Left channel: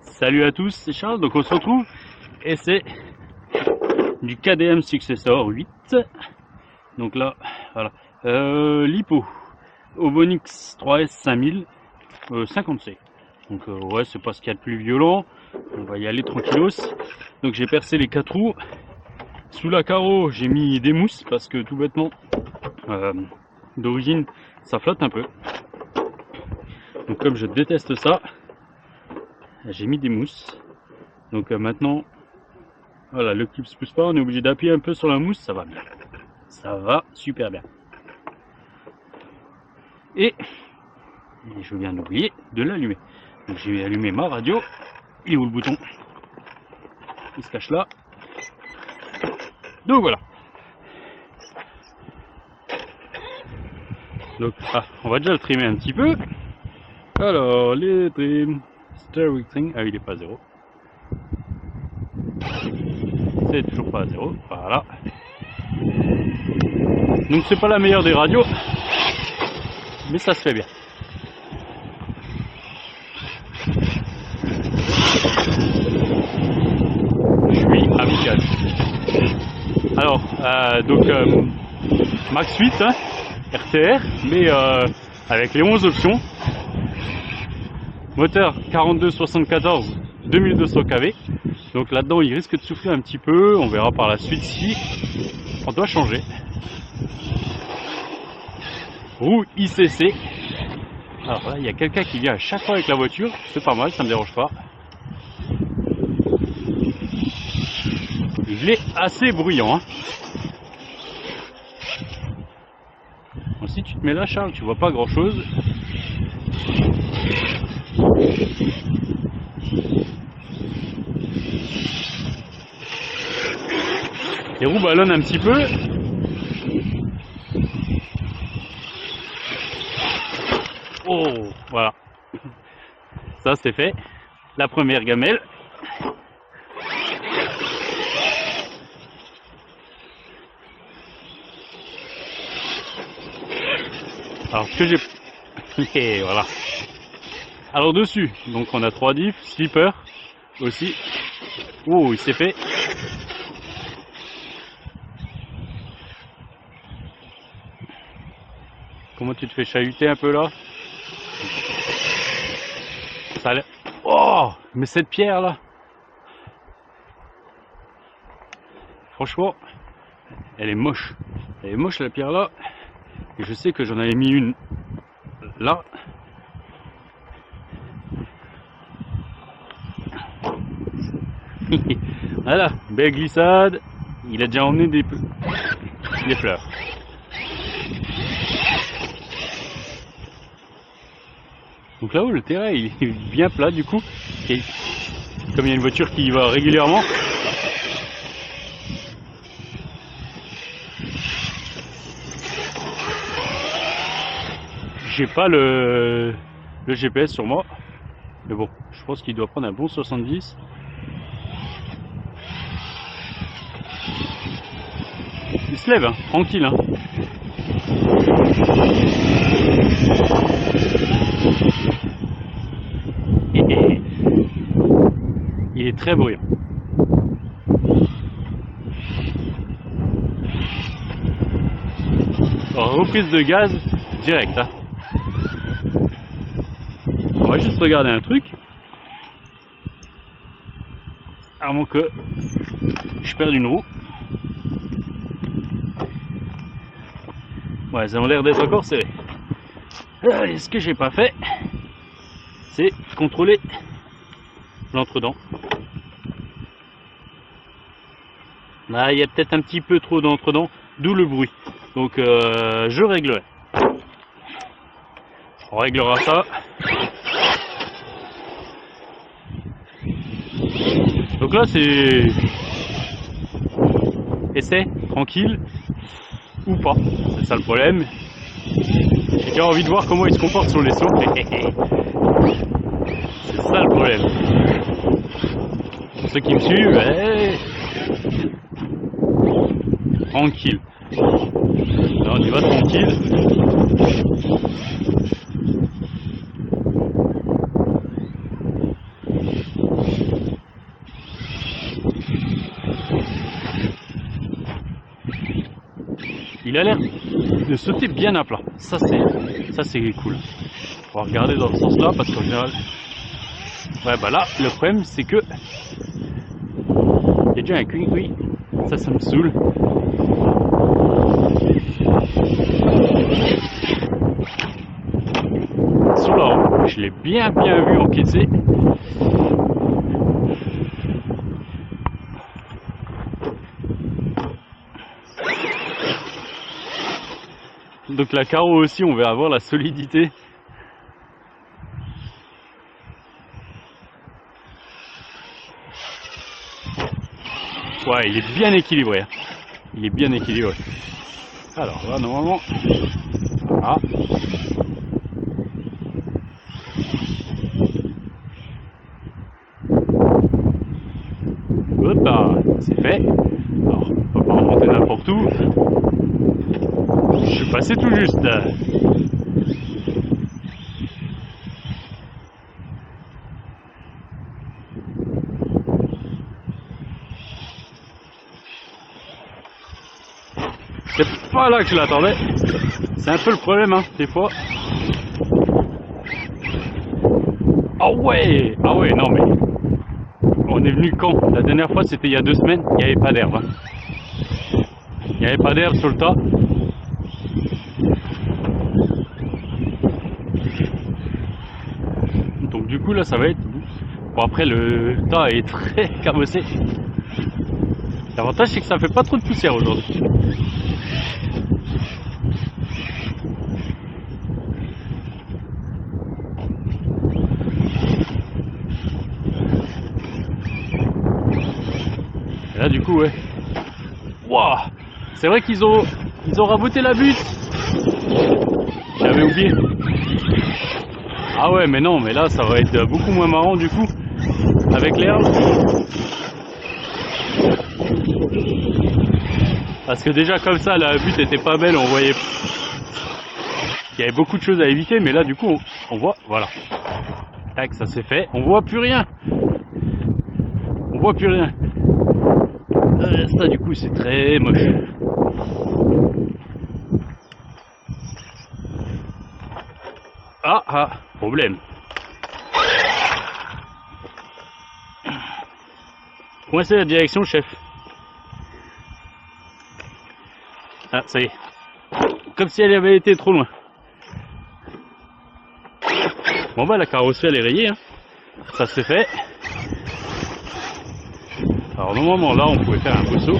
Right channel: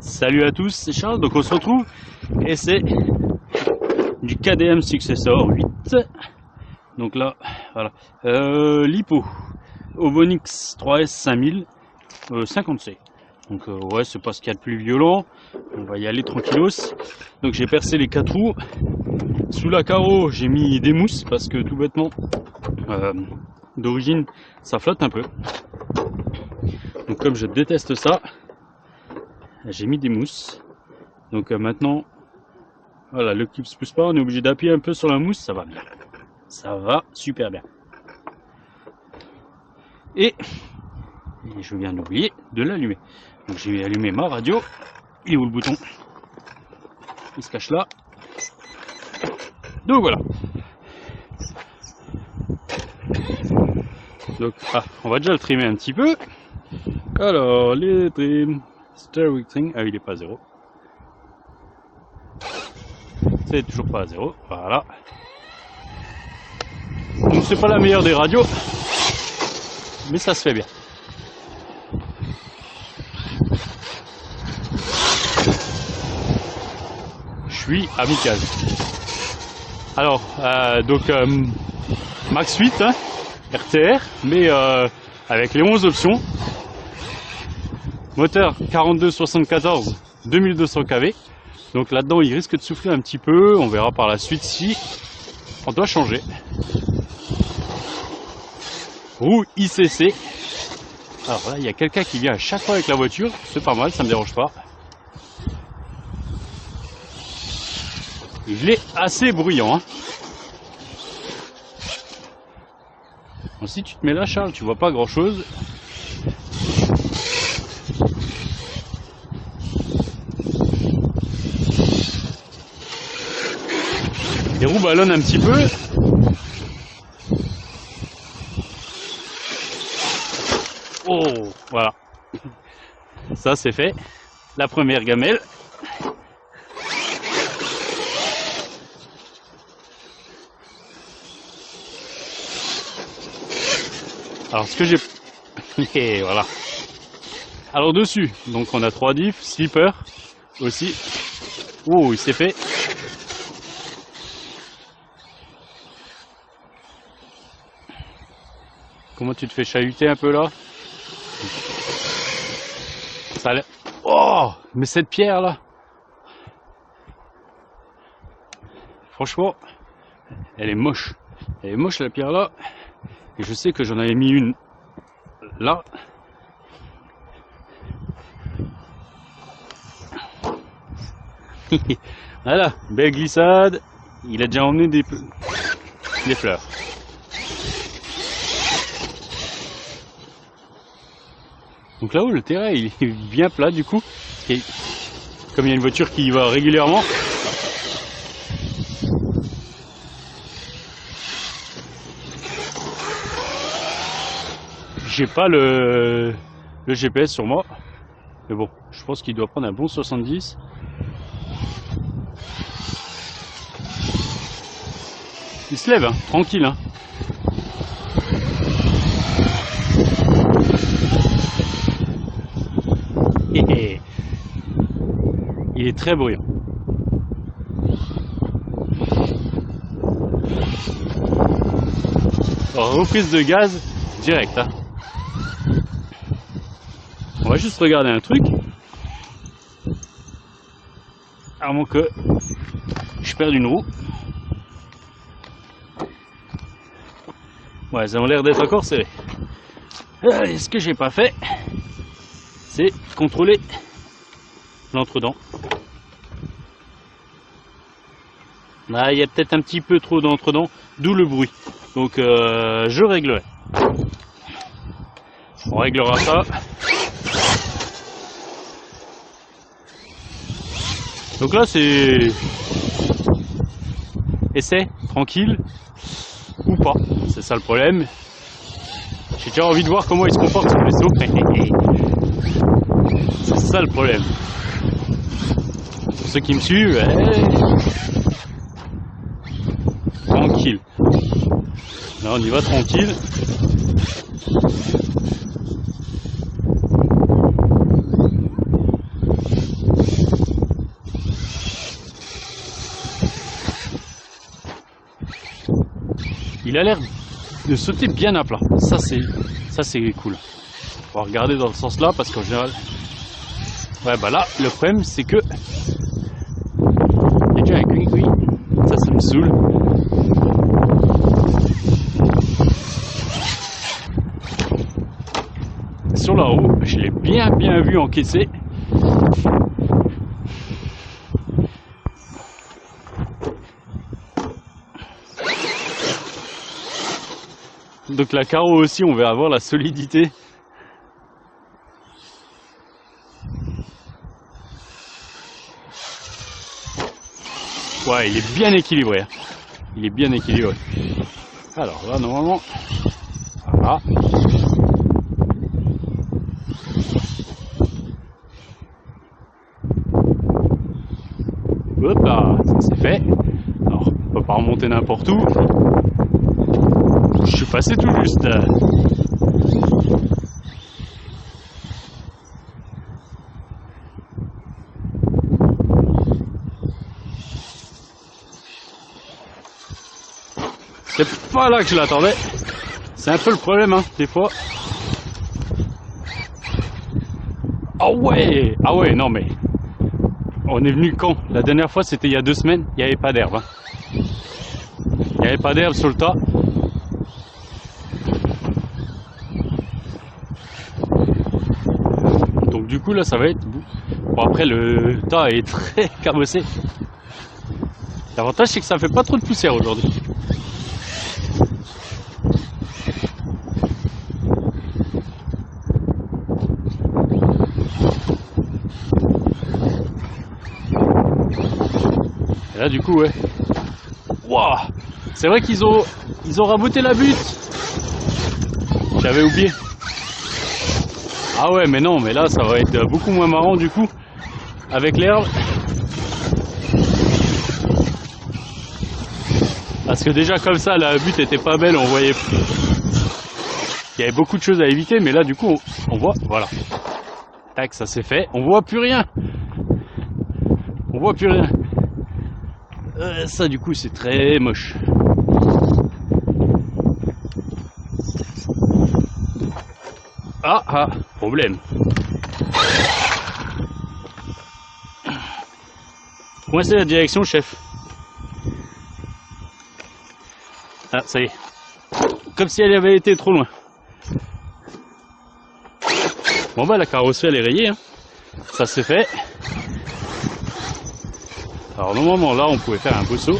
Salut à tous, c'est Charles, donc on se retrouve et c'est du KDM Successor 8. Donc là, voilà, Lipo Obonix 3S 5000 50C. Donc ouais, c'est pas ce qu'il y a de plus violent, on va y aller tranquillos. Donc j'ai percé les 4 roues. Sous la carreau, j'ai mis des mousses parce que tout bêtement, d'origine, ça flotte un peu. Donc comme je déteste ça, j'ai mis des mousses. Donc maintenant, voilà, le club se pousse pas, on est obligé d'appuyer un peu sur la mousse, ça va bien. Ça va super bien. Et je viens d'oublier de l'allumer. Donc j'ai allumé ma radio. Il est où le bouton? Il se cache là. Donc voilà. Donc on va déjà le trimer un petit peu. Alors les trim, steering trim, il est pas à 0. C'est toujours pas à 0. Voilà. Donc c'est pas la meilleure des radios, mais ça se fait bien. Je suis amical. Alors donc Max 8 hein, RTR, mais avec les 11 options. Moteur 4274 2200 kV. Donc là-dedans il risque de souffler un petit peu. On verra par la suite si on doit changer. Roue ICC. Alors là il y a quelqu'un qui vient à chaque fois avec la voiture. C'est pas mal, ça me dérange pas. Il est assez bruyant. Hein. Donc, si tu te mets là Charles, tu vois pas grand chose. Les roues ballonnent un petit peu. Oh, voilà. Ça c'est fait. La première gamelle. Alors ce que j'ai... Et voilà. Alors dessus, donc on a 3 diffs, slipper aussi. Oh, il s'est fait. Comment tu te fais chahuter un peu là? Ça a l'air... Oh, mais cette pierre là, franchement, elle est moche. Elle est moche la pierre là. Et je sais que j'en avais mis une là. Voilà, belle glissade. Il a déjà emmené des fleurs. Donc là-haut, le terrain il est bien plat du coup. Et comme il y a une voiture qui y va régulièrement, j'ai pas le GPS sur moi. Mais bon, je pense qu'il doit prendre un bon 70. Il se lève, hein, tranquille. Hein. Il est très bruyant. Alors, reprise de gaz direct. Hein. On va juste regarder un truc. Avant que je perde une roue. Ouais, ça a l'air d'être encore serré. Ce que j'ai pas fait, c'est contrôler l'entre-dents. Là, il y a peut-être un petit peu trop d'entre-dents, d'où le bruit. Donc, je réglerai. On réglera ça. Donc là, c'est essai, tranquille, ou pas. C'est ça le problème. J'ai déjà envie de voir comment il se comporte sur les sauts. C'est ça le problème. Pour ceux qui me suivent, tranquille. Là, on y va tranquille. Il a l'air de sauter bien à plat. Ça c'est cool. On va regarder dans ce sens-là parce qu'en général, ouais bah là le problème c'est que il y a déjà un cuit. Ça me saoule. Sur la route, je l'ai bien vu encaisser. Donc la carreau aussi, on va avoir la solidité. Ouais, il est bien équilibré. Hein. Il est bien équilibré. Alors là, normalement, voilà. Hop là, c'est fait. Alors, on peut pas remonter n'importe où. Je suis passé tout juste. C'est pas là que je l'attendais. C'est un peu le problème, hein, des fois. Ah ouais, non mais... On est venu quand? La dernière fois, c'était il y a 2 semaines. Il n'y avait pas d'herbe. Hein. Il n'y avait pas d'herbe sur le tas. Donc du coup, là, ça va être... Bon, après, le tas est très cabossé. L'avantage, c'est que ça ne fait pas trop de poussière aujourd'hui. Et là, du coup, ouais. Waouh! C'est vrai qu'ils ont raboté la butte. J'avais oublié. Ah ouais, mais non, mais là, ça va être beaucoup moins marrant, du coup, avec l'herbe. Parce que déjà, comme ça, la butte était pas belle, on voyait... Il y avait beaucoup de choses à éviter, mais là, du coup, on voit, voilà. Tac, ça c'est fait. On voit plus rien. On voit plus rien. Ça, du coup, c'est très moche. Ah, problème. Coincez la direction, chef. Ah, ça y est. Comme si elle avait été trop loin. Bon bah la carrosserie elle est rayée, hein. Ça c'est fait. Alors normalement là on pouvait faire un beau saut.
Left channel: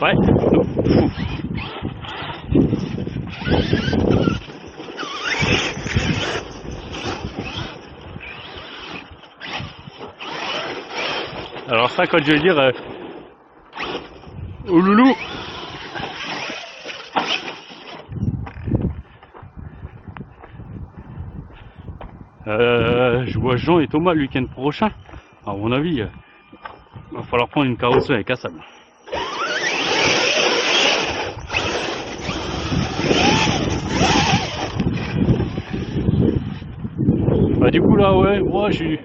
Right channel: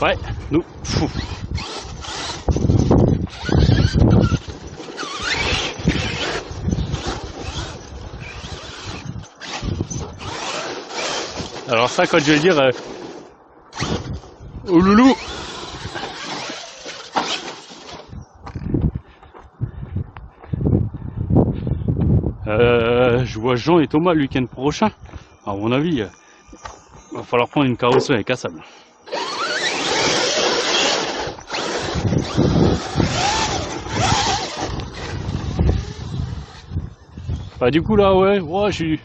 Ouais, nous. Alors ça quand je veux dire au loulou. Je vois Jean et Thomas le week-end prochain. À mon avis, il va falloir prendre une carrosserie avec Hassan. Bah du coup là ouais, je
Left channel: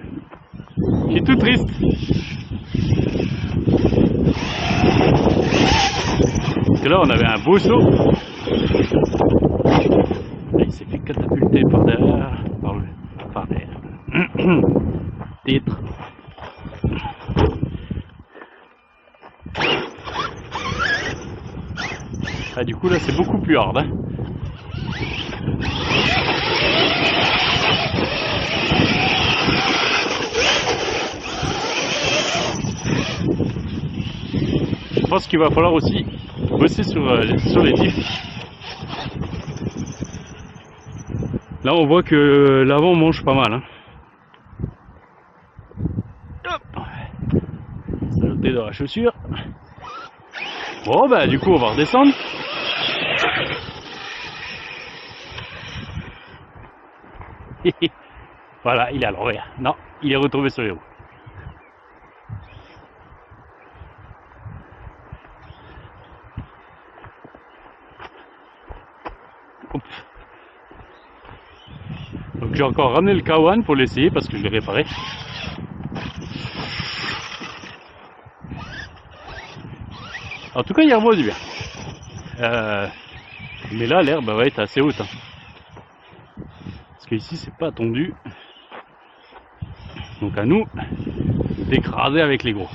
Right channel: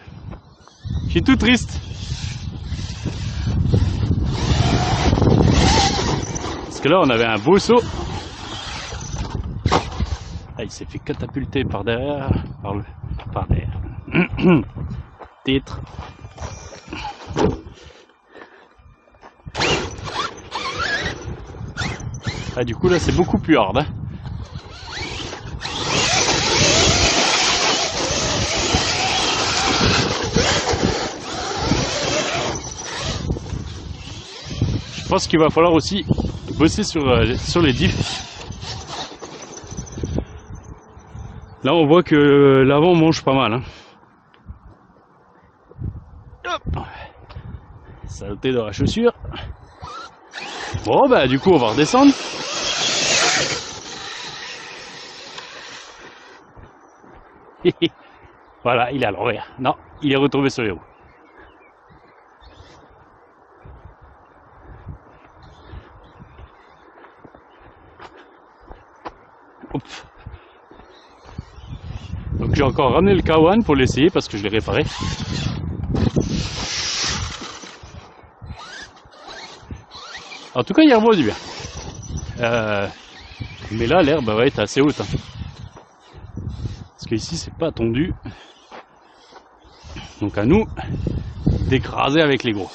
suis tout triste. Parce que là on avait un beau saut. Il s'est fait catapulter par derrière, par derrière. Titre. Ah du coup là c'est beaucoup plus hard. Hein. Je pense qu'il va falloir aussi bosser sur les titres. Là on voit que l'avant mange pas mal. Hein. Saleté dans la chaussure. Bon bah du coup on va redescendre. Voilà, il est à l'envers. Non, il est retombé sur les roues. Hop. Donc j'ai encore ramené le K1 pour l'essayer parce que je l'ai réparé. En tout cas, il y a un du bien. Mais là, l'herbe va être assez haute. Hein. Parce qu'ici, c'est pas tondu. Donc à nous d'écraser avec les gros.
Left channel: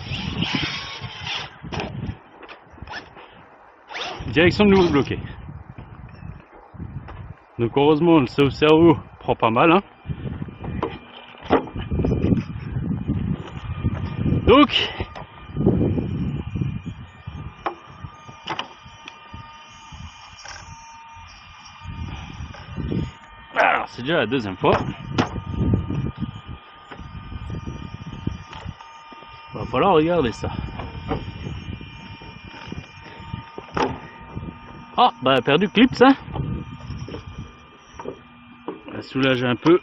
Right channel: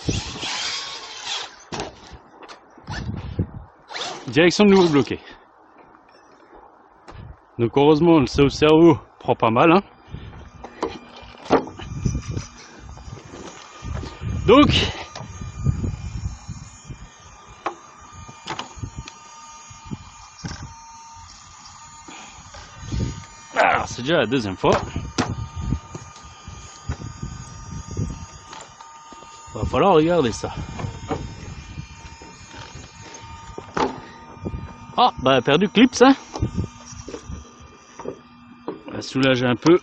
Direction de nouveau bloqué. Donc heureusement, le cerveau prend pas mal. Hein. Donc alors, c'est déjà la deuxième fois. Va falloir regarder ça. Ah, bah perdu clips, hein. On va soulager un peu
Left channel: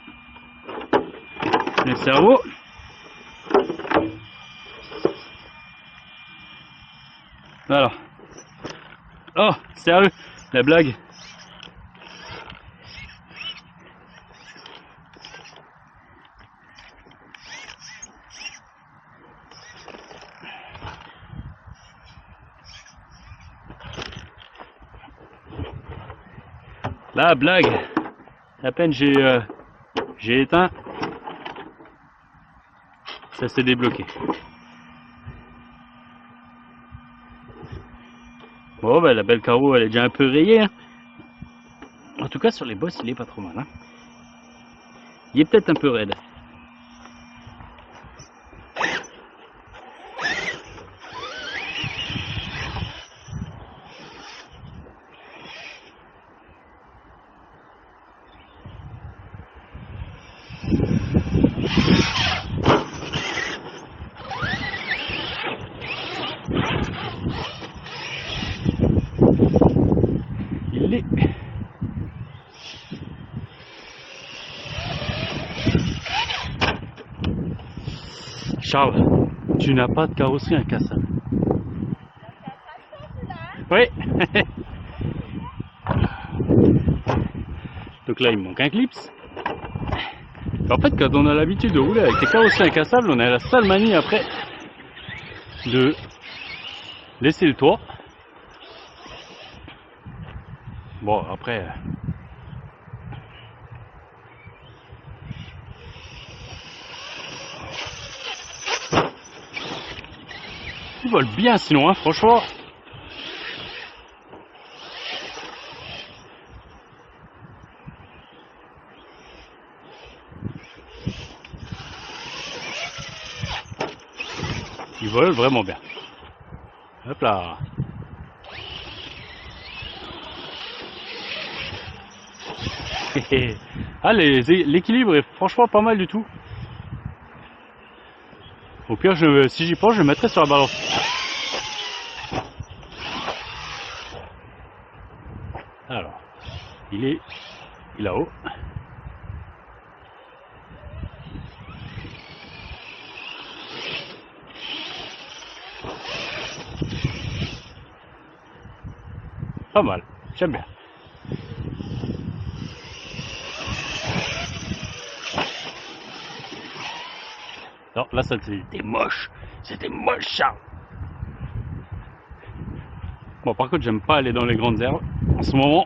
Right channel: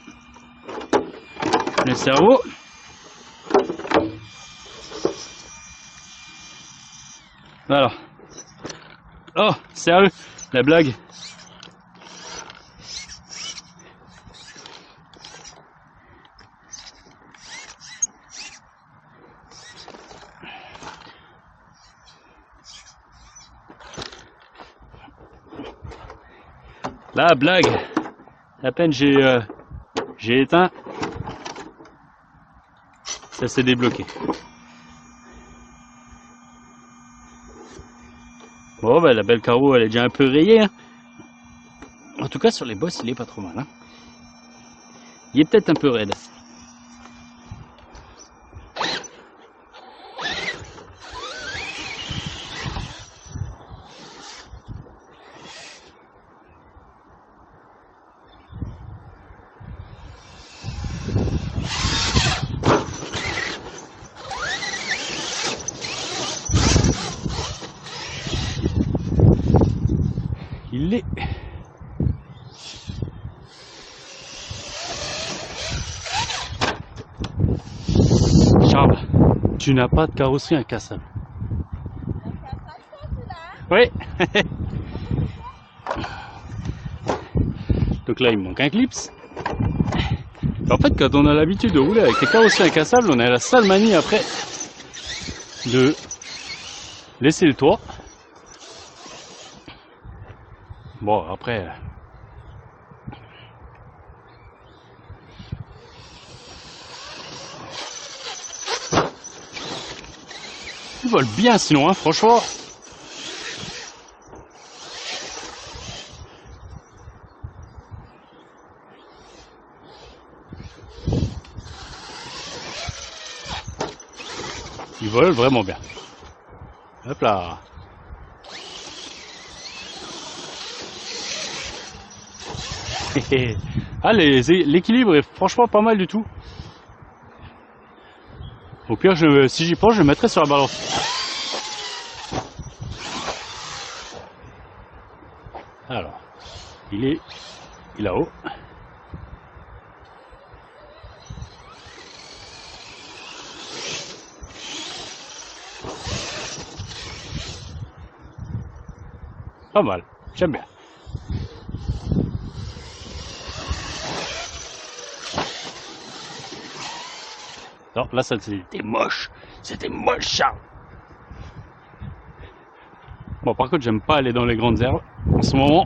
le cerveau. Voilà. Oh, sérieux, la blague. La blague. À peine j'ai éteint, ça s'est débloqué. Bon, bah, la belle carreau, elle est déjà un peu rayée. Hein. En tout cas, sur les bosses, il est pas trop mal. Hein. Il est peut-être un peu raide. Il est. Charles, tu n'as pas de carrosserie incassable. Oui. Donc là, il me manque un clips. En fait, quand on a l'habitude de rouler avec des carrosseries incassables, on a la sale manie après de laisser le toit. Bon, après... Ils volent bien sinon, hein, franchement. Ils volent vraiment bien. Hop là. Ah, l'équilibre est franchement pas mal du tout. Au pire, si j'y pense, je le mettrai sur la balance. Alors, il est là-haut. Pas mal, j'aime bien. Non, là, ça c'était moche. C'était moche, ça. Bon, par contre, j'aime pas aller dans les grandes herbes en ce moment.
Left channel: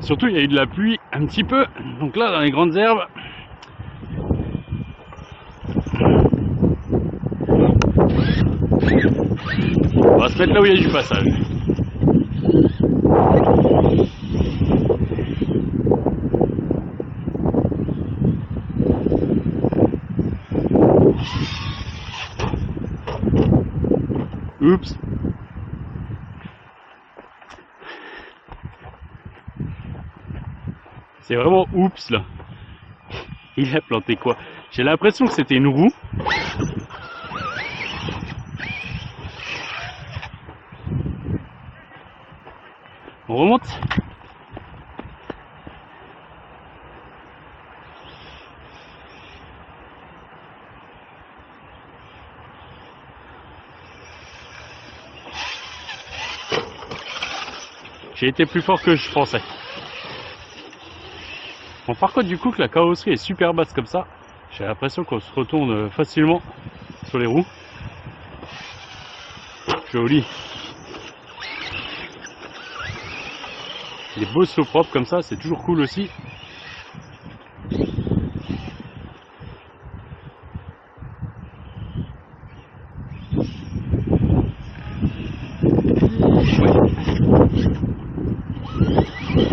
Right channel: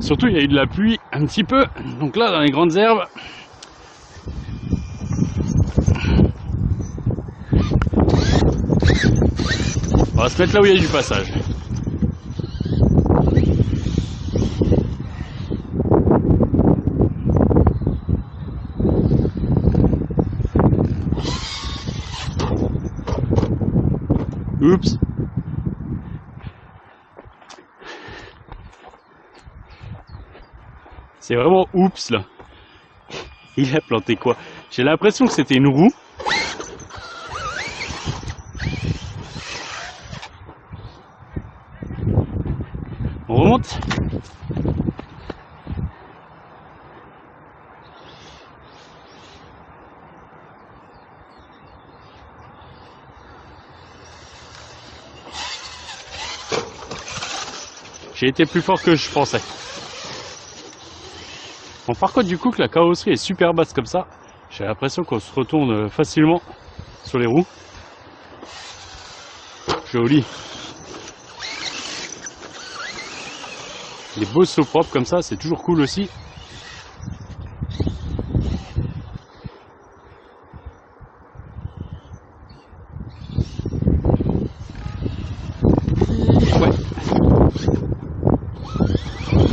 Surtout, il y a eu de la pluie un petit peu. Donc là, dans les grandes herbes, on va se mettre là où il y a du passage. Oups. C'est vraiment oups là. Il a planté quoi? J'ai l'impression que c'était une roue. On remonte. J'ai été plus fort que je pensais. Bon, par contre, du coup, que la carrosserie est super basse comme ça, j'ai l'impression qu'on se retourne facilement sur les roues. Joli. Les beaux sauts propres comme ça, c'est toujours cool aussi. Ouais.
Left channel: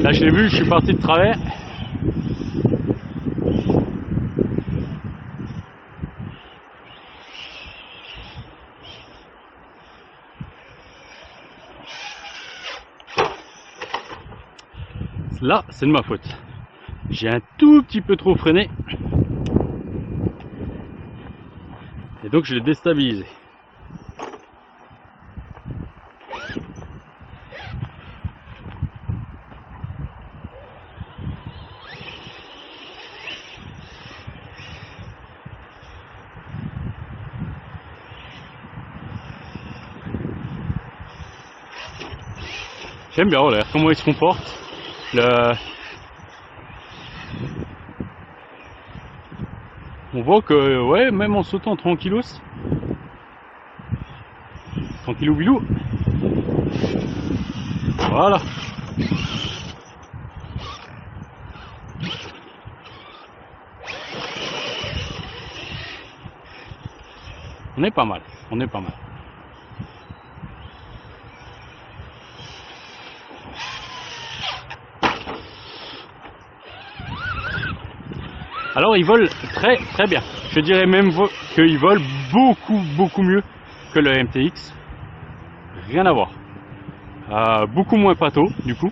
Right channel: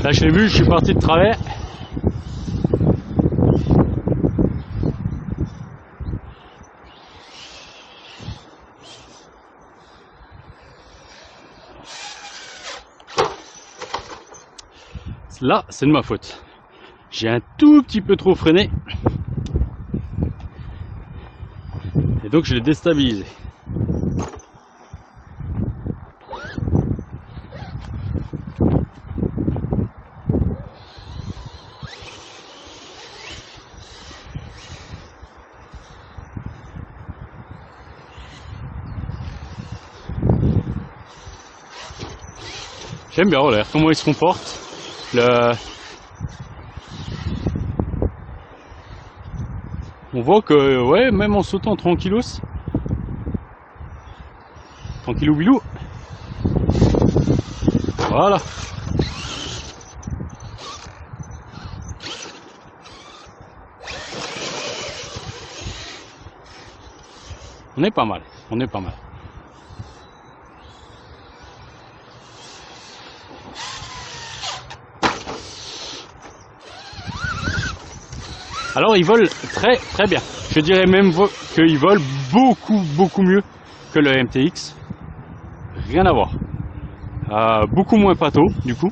Là, je l'ai vu, je suis parti de travers. Là, c'est de ma faute. J'ai un tout petit peu trop freiné. Et donc, je l'ai déstabilisé. J'aime bien, regarde comment il se comporte. On voit que, ouais, même en sautant tranquillos, tranquillou bilou, voilà. On est pas mal, on est pas mal. Alors ils volent très très bien. Je dirais même qu'ils volent beaucoup mieux que le MTX. Rien à voir. Beaucoup moins pâteau du coup.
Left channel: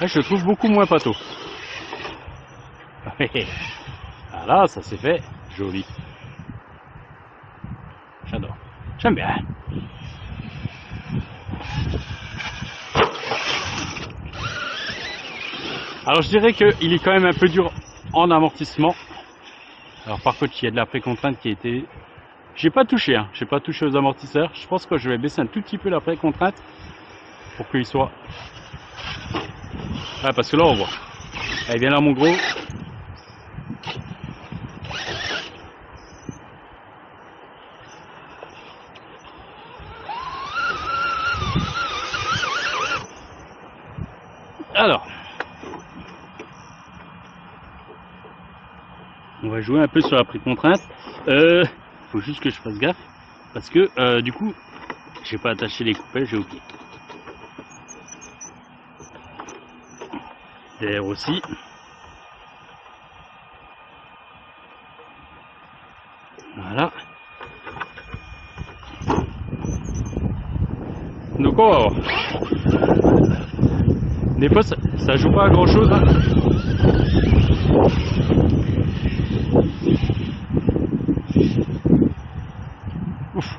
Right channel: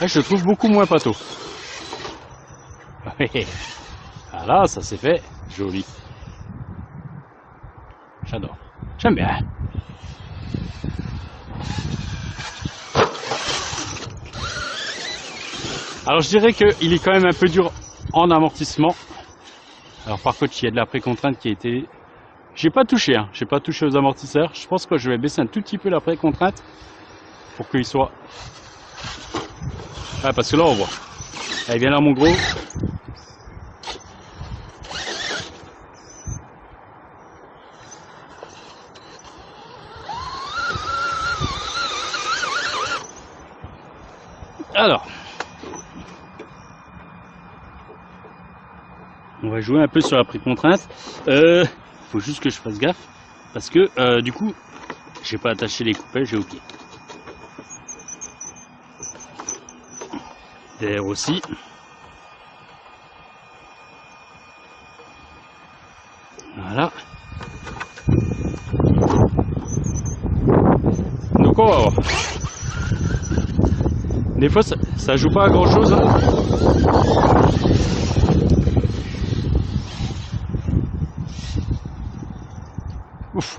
Et je le trouve beaucoup moins pâteau. Voilà, ça c'est fait. Joli. J'adore. J'aime bien. Alors je dirais qu'il est quand même un peu dur en amortissement. Alors par contre il y a de la précontrainte qui a été... J'ai pas touché, hein. J'ai pas touché aux amortisseurs. Je pense que je vais baisser un tout petit peu la précontrainte pour qu'il soit... Ah parce que là on voit. Allez viens là mon gros. Alors. On va jouer un peu sur la précontrainte. Faut juste que je fasse gaffe. Parce que du coup, je vais pas attacher les coupelles, j'ai oublié. Derrière aussi. Voilà. Donc on va voir. Des fois ça joue pas à grand chose. Hein. Ouf.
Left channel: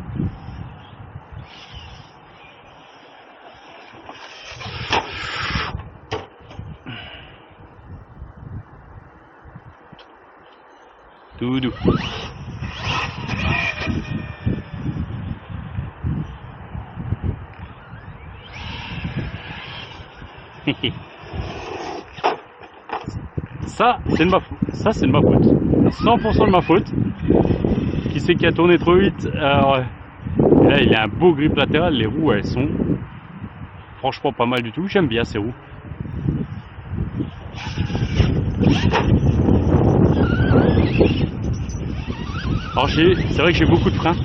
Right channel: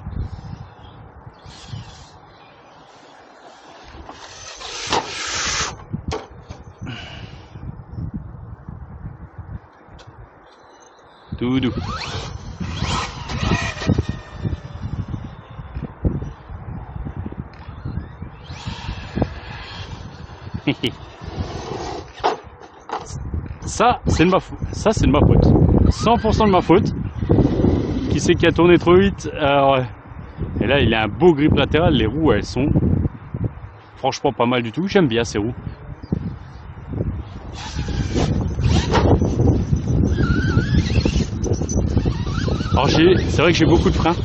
Tout doux. Ça, c'est de ma faute. Ça, c'est de ma faute. 100% de ma faute. Qui c'est qui a tourné trop vite? Alors, et là, il a un beau grip latéral. Les roues, elles sont franchement pas mal du tout. J'aime bien ces roues. Alors, c'est vrai que j'ai beaucoup de freins.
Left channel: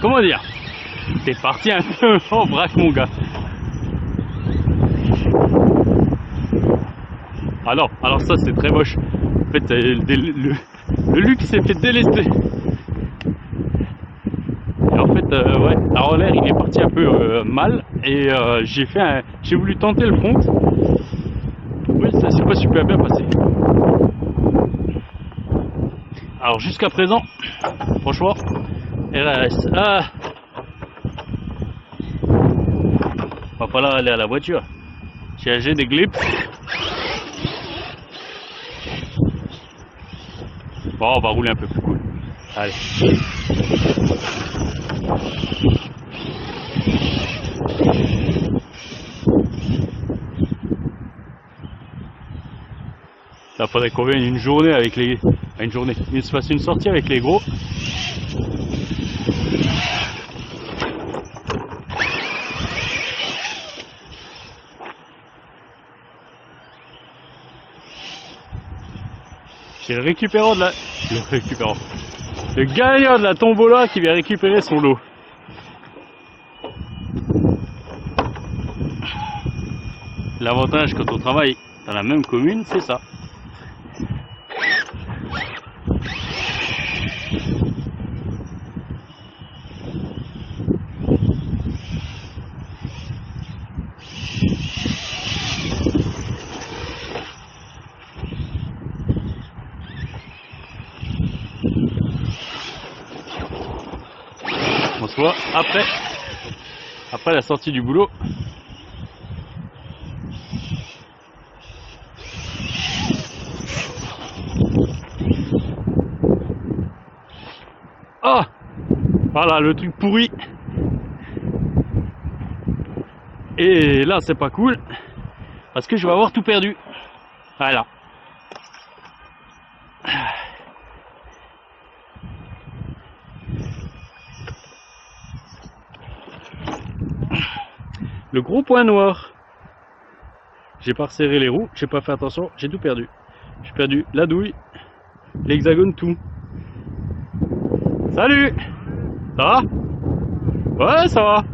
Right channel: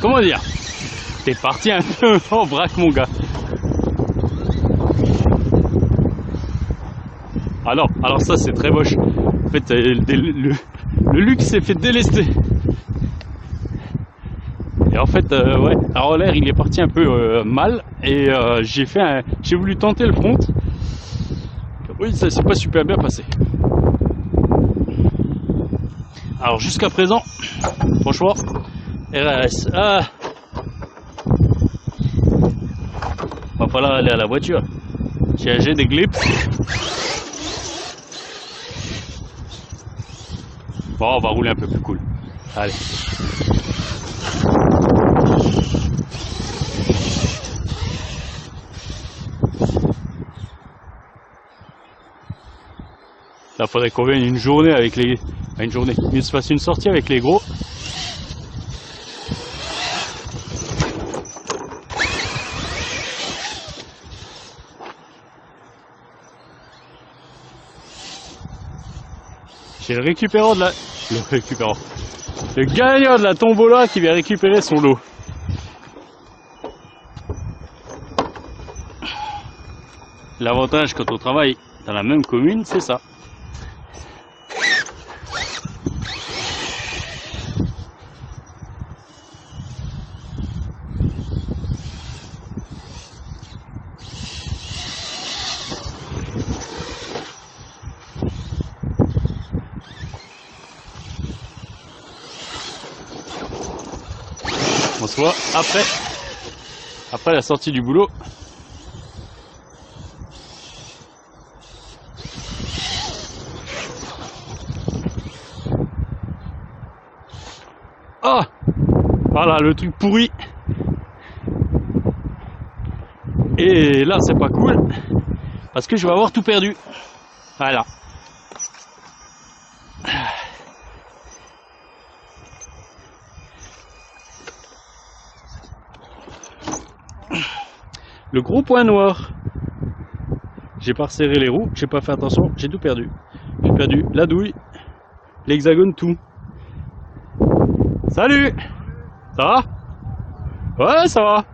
Comment dire? T'es parti un peu en vrac mon gars. Alors ça c'est très moche. En fait le luxe s'est fait délester. Et en fait ouais, alors l'air il est parti un peu mal et j'ai voulu tenter le front. Oui ça s'est pas super bien passé. Alors jusqu'à présent, franchement, RS. pas là aller à la voiture. J'ai des glips. Bon, on va rouler un peu plus cool. Allez. Là, faudrait qu'on vienne une journée avec les... Une journée. Il se fasse une sortie avec les gros. C'est le récupérant de la... Le gagnant de la tombola qui vient récupérer son lot. L'avantage quand on travaille dans la même commune, c'est ça. On se voit après la sortie du boulot. Ah, voilà le truc pourri. Et là c'est pas cool parce que je vais avoir tout perdu. Voilà. Le gros point noir. J'ai pas resserré les roues, j'ai pas fait attention, j'ai tout perdu. J'ai perdu la douille, l'hexagone, tout. Salut! Ça va? Ouais, ça va.